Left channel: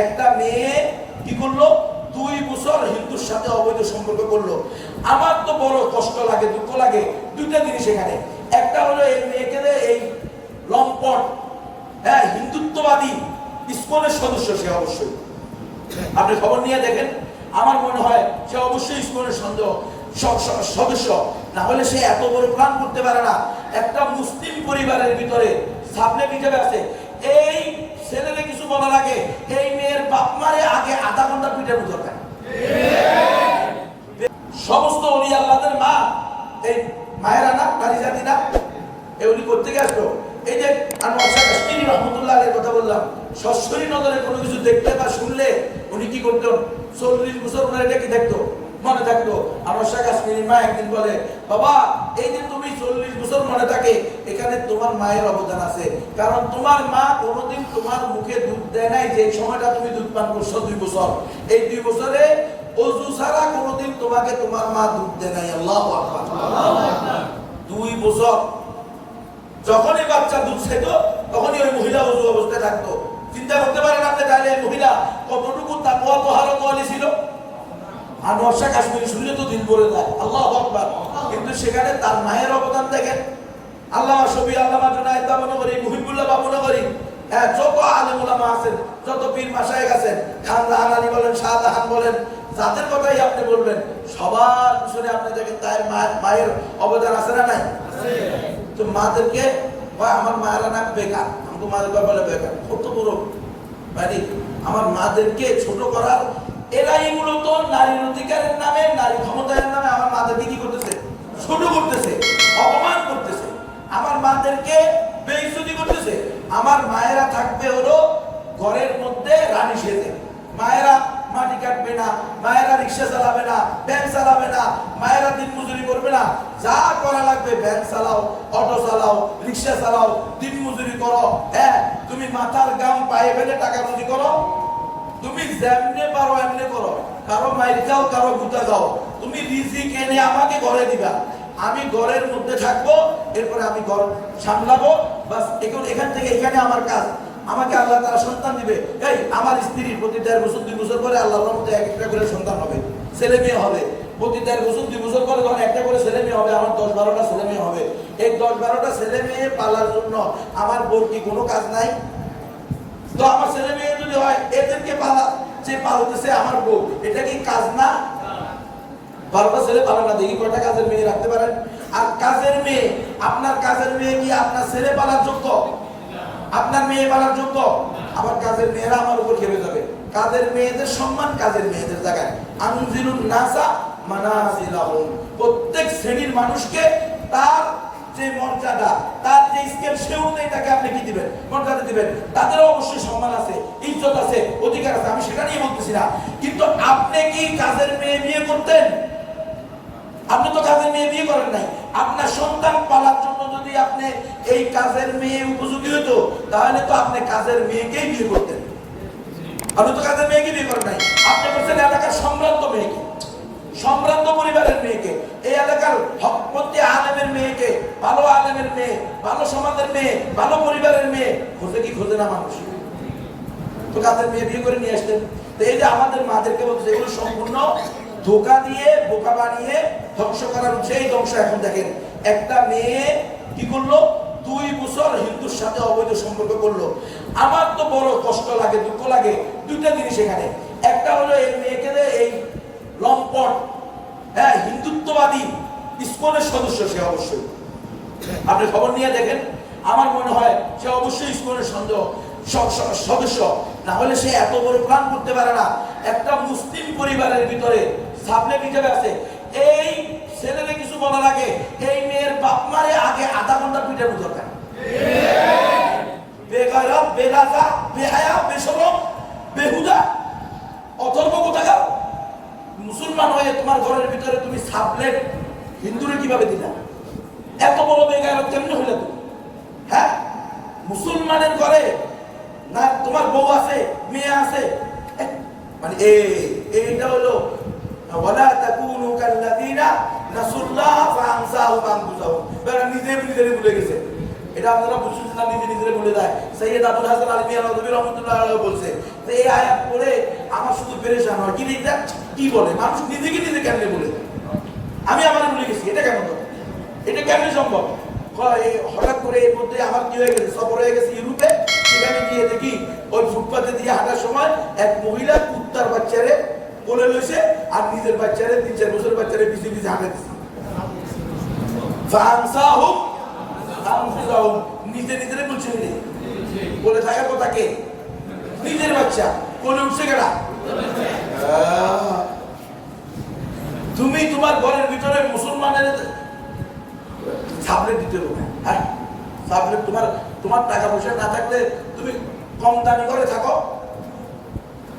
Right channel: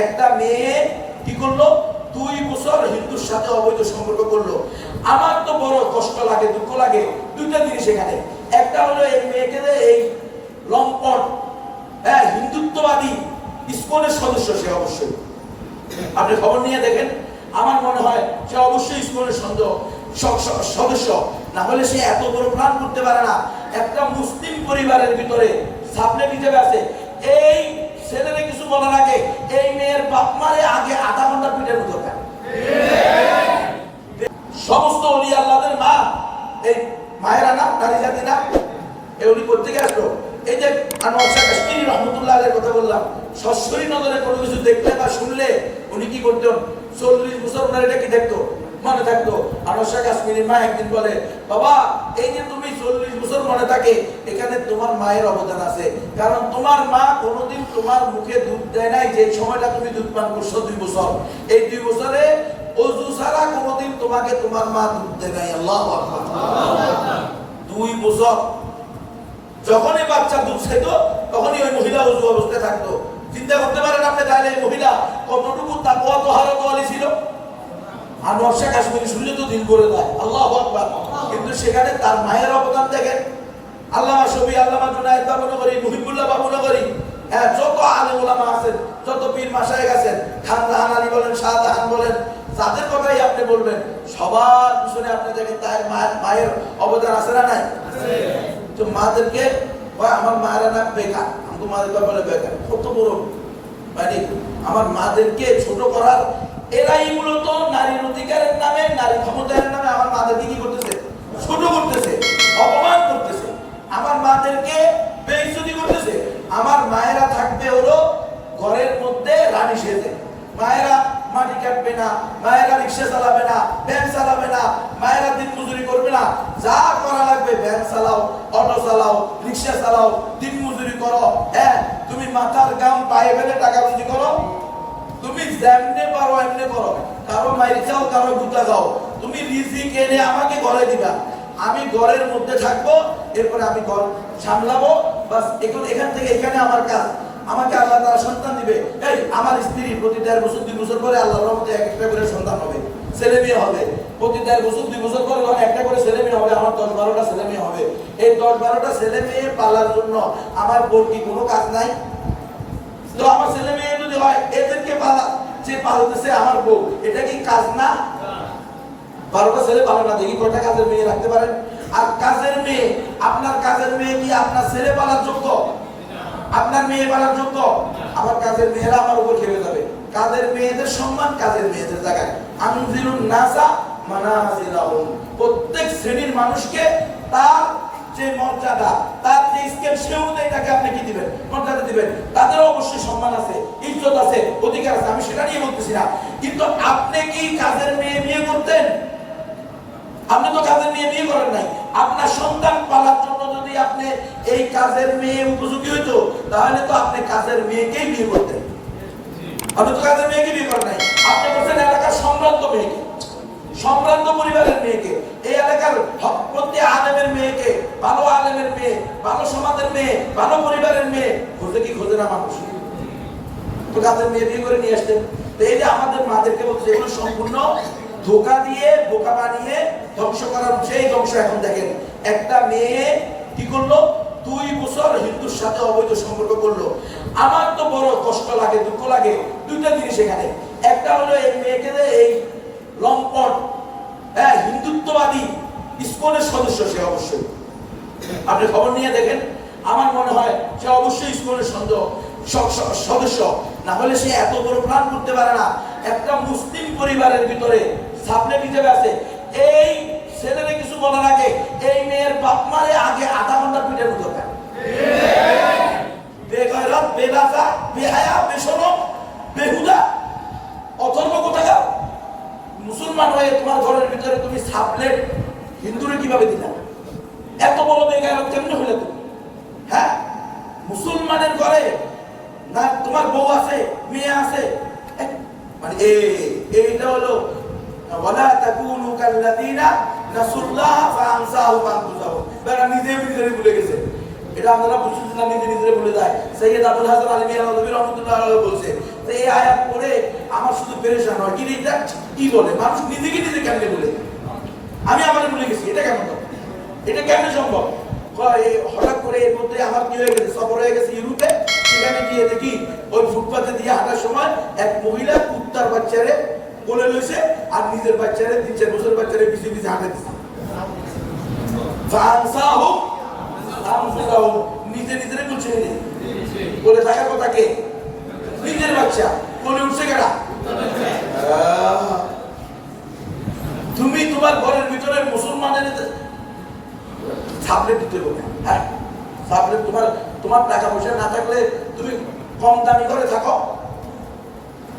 একটা মেয়ে কি করলো, 2 বছর হিন্দুর সাথে অবৈধ সম্পর্ক করলো। আমার তো বড় কষ্ট লাগে, দুঃখ লাগে। দুইটা জিনিস এখানে, একটা হলো এই মেয়েকে এই লম্পট হিন্দুত্ববাদী ইসকনের সদস্য, সে অবশ্যই আপনি খবর নিয়ে দেখেন, আমার মনে হয় সে অবশ্যই ইসকনের সদস্য, না হলে সে এত বড় প্ল্যান করতে পারে না। একটা মুসলিম পরিবারের ভিতরে সাবলেট হিসেবে আছে, এই ছেলেরে কিছু বলার আগে এই মেয়ের বাপ মারে আগে আধা ঘন্টা পিটানো দরকার। সমস্ত ওলি আল্লাহদের মা এই মায়েরা না, নারী জাতি না, এই উনি কোথেকে আসলো? এই যে আনোয়ার শাহ কাশ্মীরি রহমতুল্লাহ আলাইহির কথা বললাম, সরাসরি নজরে কোনো কিছু দেখতে বা শুনলে উনি কি করতেন? 40 বছর ওনার এটা কি দেখতো, মনে থাকতো। আনোয়ার শাহ কাশ্মীরি মা একদিন বলে, বাবা এই যে তুমি 40 বছর মনে থাকে, এখানে তোমার মায়ের অবদান আছে, কারণ তোমার মা কোনোদিন তোমার মুখে দুধ দেয় নাই যে সময়টা তুমি দুধ পান করছো 2 বছর। এই 2 বছরে ওযু ছাড়া কোনোদিন তোমাকে তোমার মা দুধ দেয় নাই। আল্লাহু আকবার। 2 বছর যখনই বাচ্চা দুধ খেত তখনই ওই মহিলা ওযু অবস্থায় থাকতো। চিন্তা করতে পারেন আপনি, তাহলে এই মহিলা কতটুকু তাকওয়া তাহারত ওয়ালি ছিল? আনোয়ার শাহ কাশ্মীরি শুনলে তো দিল বলে যায়, আল্লাহু আকবার। কিন্তু সেখানে তার মায়ের অবদান দেখেন। আল্লামা শফি, আল্লামা জুনায়েদ বাবুনগরী, মুহিবুল্লাহ বাবুনগরী, যত আলেম ওলামা আছেন, যত পীর মাশায়েখ আছেন, খান রাহানানি বলেন, শাহজাহান বলেন, যাদের কথাই আপনি বলবেন সবার পিছনে আপনি দেখেন তার মায়ের অবদান আছে না নাই? তো মাদেরকে আমার মায়েরা না বেকার, আমাকে মাদের বলে বেকার, কত বড় মানে আমার মাদেরকে ছোট করার, এরাই মূলত নারীর অধিকারের নামে, নারী ক্ষমতায়নের নামে আমার মাদেরকে কি করতেছে? ছোট করতেছে, অপমান করতেছে, আমার মাদেরকে বেইজ্জতি করতেছে। আমার মায়েরা থাকবে হলো ঘরের মধ্যে রানী সেজে, মায়েরা মাটি কাটবে না, মায়েরা রিক্সা চালাবে না, ভ্যান চালাবে না, মায়েরা দিন মজুরি করবে না, যা করা লাগবে ভ্যান চালাও, অটো চালাও, রিক্সা চালাও, দিন মজুরি করো। তুমি মাথার গাম পায়ে ফেলে টাকা রুজি করো, তুমি যেমনে পারো এমনি করো, কারো মাইর যাও, কারো গুতা যাও, তুমি রিজিক এনে আমাকে ঘরে দিবা, আমি ঘরের মধ্যে থাকবো, এরপর আমি ঘর সামলাবো, বাস এখান থেকে এখানে আমার কাজ। আমাকে আল্লাহ তাআলা সন্তান দিবে, এই আমার স্ত্রী প্রতি 1.5 বছর 2 বছর পরে আল্লাহর রহমতে একটা করে সন্তান হবে, ছেলে মেয়ে হবে। প্রতি 1.5 বছর 2 বছর পরে যখন একটা করে ছেলে মেয়ে হবে, আমার 10-12টা ছেলে মেয়ে হবে। এই 10-12টা ছেলে মেয়ে পালার জন্য আমার বোর কি কোনো কাজ নাই? তো আমার ছেলে মেয়ে যদি হয়, এদেরকে পালা, যে পালতেছে আমার বউ, এটা কি কাজ না? 12টা ছেলে পালন না, দেখি কয়টা কাজের মেয়ে রাখতে পারেন? আর কাজের মেয়ে, আপনার কাজের মেয়ে কি আপনার ছেলে পালার যোগ্য? আপনার মেয়ে পালার যোগ্য? আমার কাজের মেয়েরা আমার উপর খেলে যাবে। কাজের মেয়েদের সম্মান কাজের মেয়েদের জায়গায়। আনজিলুন নাসা মানাজিলাহুম, প্রত্যেক শ্রেণীর মানুষকে তার যে মর্যাদা, তার যে স্কেল, সে অনুযায়ী তাকে আপনি কি দিবেন? মর্যাদা দিবেন। তাদেরও অবশ্যই সম্মান আছে, ইজ্জত আছে, অধিকার আছে, আমি সেটা নিয়ে বলতেছি না। কিন্তু আপনি কি কাজের মেয়ে বিয়ে করতেন? আপনি তো কাজের মেয়ে বিয়ে করেন নাই। আপনার সন্তান পালার জন্য যদি আপনি এই কাজের মেয়ে উপযোগী হতো, তাহলে তো আপনি কাজের মেয়েকেই বিয়ে করতেন। আপনি তো কাজের মেয়েকে বিয়ে করেন নাই, আপনি বলছেন এলাকার সম্ভ্রান্ত মেয়েকে, সম্ভ্রান্ত পরিবারের মেয়েকে, এই এলাকার প্রত্যেক আলেমের মেয়েকে, ভালো আলেমের মেয়ে, ভালো সমাজের মেয়ে, ভালো পরিবারের মেয়ে খোঁজে কি খোঁজে না মানুষ? তো কাজের মেয়ে বিয়ে করে নিয়ে আসতেন। এই যে আমাদের মাদেরকে বলছে, এগুলো সম্পূর্ণ ধোকা দিয়ে, বোকা বানিয়ে ধ্বংস করার সেই ধ্বংস। এখন দেখেন, একটা মেয়ে কি করলো, 2 বছর হিন্দুর সাথে অবৈধ সম্পর্ক করলো। আমার তো বড় কষ্ট লাগে, দুঃখ লাগে। দুইটা জিনিস এখানে, একটা হলো এই মেয়েকে এই লম্পট হিন্দুত্ববাদী ইসকনের সদস্য, সে অবশ্যই আপনি খবর নিয়ে দেখেন, আমার মনে হয় সে অবশ্যই ইসকনের সদস্য, না হলে সে এত বড় প্ল্যান করতে পারে না। একটা মুসলিম পরিবারের ভিতরে সাবলেট হিসেবে আছে, এই ছেলেরে কিছু বলার আগে এই মেয়ের বাপ মারে আগে আধা ঘন্টা পিটানো দরকার। বেগায়রত, বেলাজা, বেহায়া, বেশরম, বেহুদা, অথর্ব কোথাকার। মুসলমান হয়ে তোমার ঘরের ভিতরে তুমি সাবলেট হিন্দুরে কিভাবে দিলা? এত বড় বেগায়রত কেমনে হলে তুমি? হ্যাঁ, মুসলমানের ঘরে না তোমার বউ আছে, মেয়ে আছে, মানে এইটা হলো ওয়ালা তাকুনু কাল্লাযিনা নাসুল্লাহ ফাআনসাহুম আনফুসাহুম। বেটা নিজে ভুলে গেছে, এটা আপনারা বুঝছেন না, নিজে ভুলে যায়। সৈয়দ আবুল হাসান আলী মিয়া নদভী রহমাতুল্লাহ আলাইহি বলছে, এই আয়াত পড়ে আমার শুধু পেরেশান হয় কি এটা কি বলে মানুষ নিজেকে নিজে কেমনে বলে আমি আমার ভুলে গেছি এটা কেন এটা কেমনে সম্ভব হঠাৎ করে এর মধ্যে আমার কি হয়ে গেছে সফর হয়ে গেছে ইউরোপে সেখানে গিয়ে দেখি ওই ফুটপাতে দিয়ে হাঁটার সময় এক মহিলা কুত্তার বাচ্চারে কোলে রয়েছে আর নিজের বাচ্চারে 3-4 বছর বাচ্চারে পিছিয়ে পিছিয়ে হাঁটে দিচ্ছে নিজে নিজের বলছে বলে থাকার কথা কে নিজের বাচ্চা কোলে উঠছে কেনা তুমি তোমার ঘরের ভিতরে মুসলমানের সাবলেট দিতে হবে হ্যাঁ সাবলেট তোমার টাকা পয়সা না থাকলে তুমি কম দামি করে থাকো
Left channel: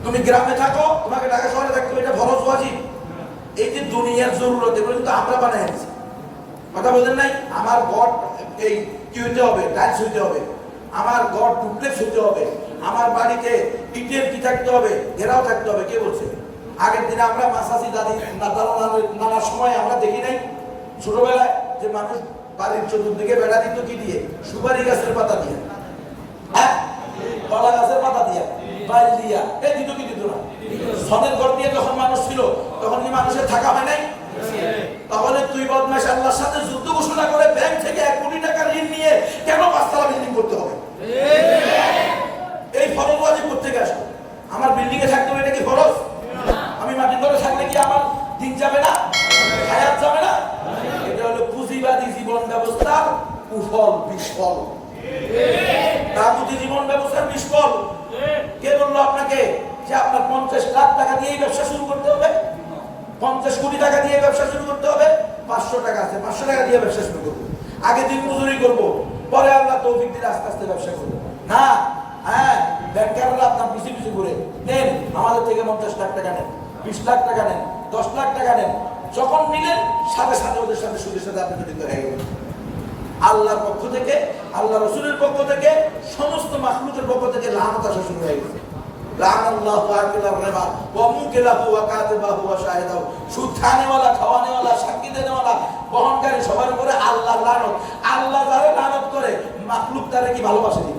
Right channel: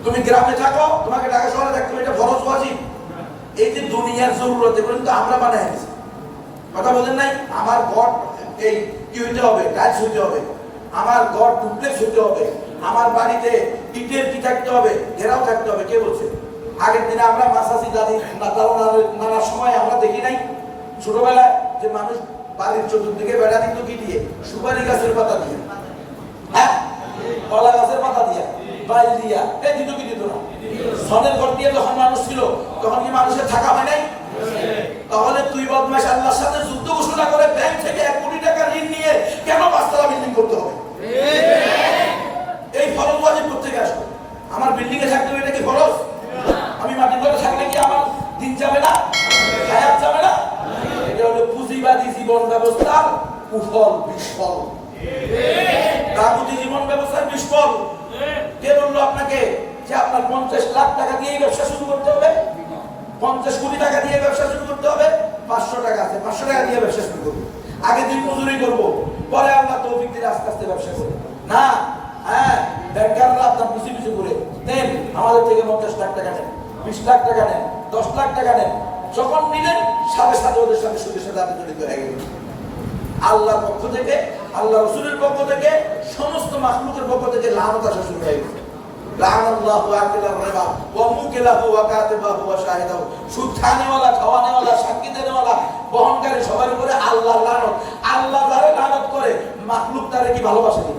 তুমি গ্রামে থাকো তোমাকে ঢাকা শহরে থাকতে হবে এটা ফরজ ওয়াজিব এই যে দুনিয়ার জরুরত এগুলো কিন্তু আমরা বানাই আছি কথা বলেন নাই আমার ঘর এই কি হইতে হবে টাইলস হইতে হবে আমার ঘর ডুপ্লেক্স হইতে হবে আমার বাড়িতে ইটের কি থাকতে হবে ঘেরাও থাকতে হবে কে বলছে আগের দিনে আমরা মাসাসি দাদি নানার সময় আমরা দেখি নাই ছোটবেলায় যে মানুষ বাড়ির চতুর্দিকে বেড়া দিত কি দিয়ে সুপারি গাছের পাতা দিয়ে হ্যাঁ কলা গাছের পাতা দিয়ে বাইল দিয়া এই দিত কি দিত না সনের ঘর দিয়ে যখন মানুষ ছিল তখন কি মানুষের থাকা হয় নাই তাহলে তুই বদমাইশ আল্লাহর সাথে যুদ্ধ ঘোষণা করে ব্যাংক থেকে 1 কোটি টাকা ঋণ নিয়ে কেন 5 তলা বিল্ডিং করতে হবে এই ফরজ ওয়াজিব করতে গেছো আমার বিল্ডিং এ থাকতে হবে এটা কি ফরজ আমি মাটি ঘরে থাকলে কি আমার দিন যাবে না হায়াত যাবে না এটা হলো পুঁজিবাদী জীবন ব্যবস্থার কুফল বিফল তাগুতি জীবন ব্যবস্থার বিফল কে বললো আপনাকে যে আপনার 50 লাখ টাকা দিয়ে ব্যবসা শুরু করতে হবে 50 কোটি টাকা দিয়ে ব্যবসা শুরু করতে হবে 500 টাকা আছে 500 টাকা দিয়ে ব্যবসা শুরু করব আগে দিন মজুরি করব পরে আল্লাহ তৌফিক দিলে আস্তে আস্তে ব্যবসা করব না হ্যাঁ ব্যাংকাররা আপনার পিছু পিছু করে দেন আমাদের থেকে 50 লাখ টাকা নেন 20 লাখ টাকা নেন 10 লাখ টাকা নেন যখন নিলেন সাথে সাথে ওদের সাথে সুদের সাথে আপনি জড়িত হয়ে গেলেন আল্লাহর পক্ষ থেকে আল্লাহ রাসূলের পক্ষ থেকে সমস্ত মাখলুকের পক্ষ থেকে লানত আসা শুরু হয়ে গেছে লানাল্লাহু আকিলা রিবা ওয়া মুকিলাহু ওয়া কাতিবাহু ওয়া শাহিদাহু সুদ খানেওয়ালা খাওয়ানেওয়ালা সাক্ষী দেনেওয়ালা বহনকারী সবার উপরে আল্লাহর লানত আল্লাহ যারা লানত করে মাখলুক তারে কি ভালোবাসে না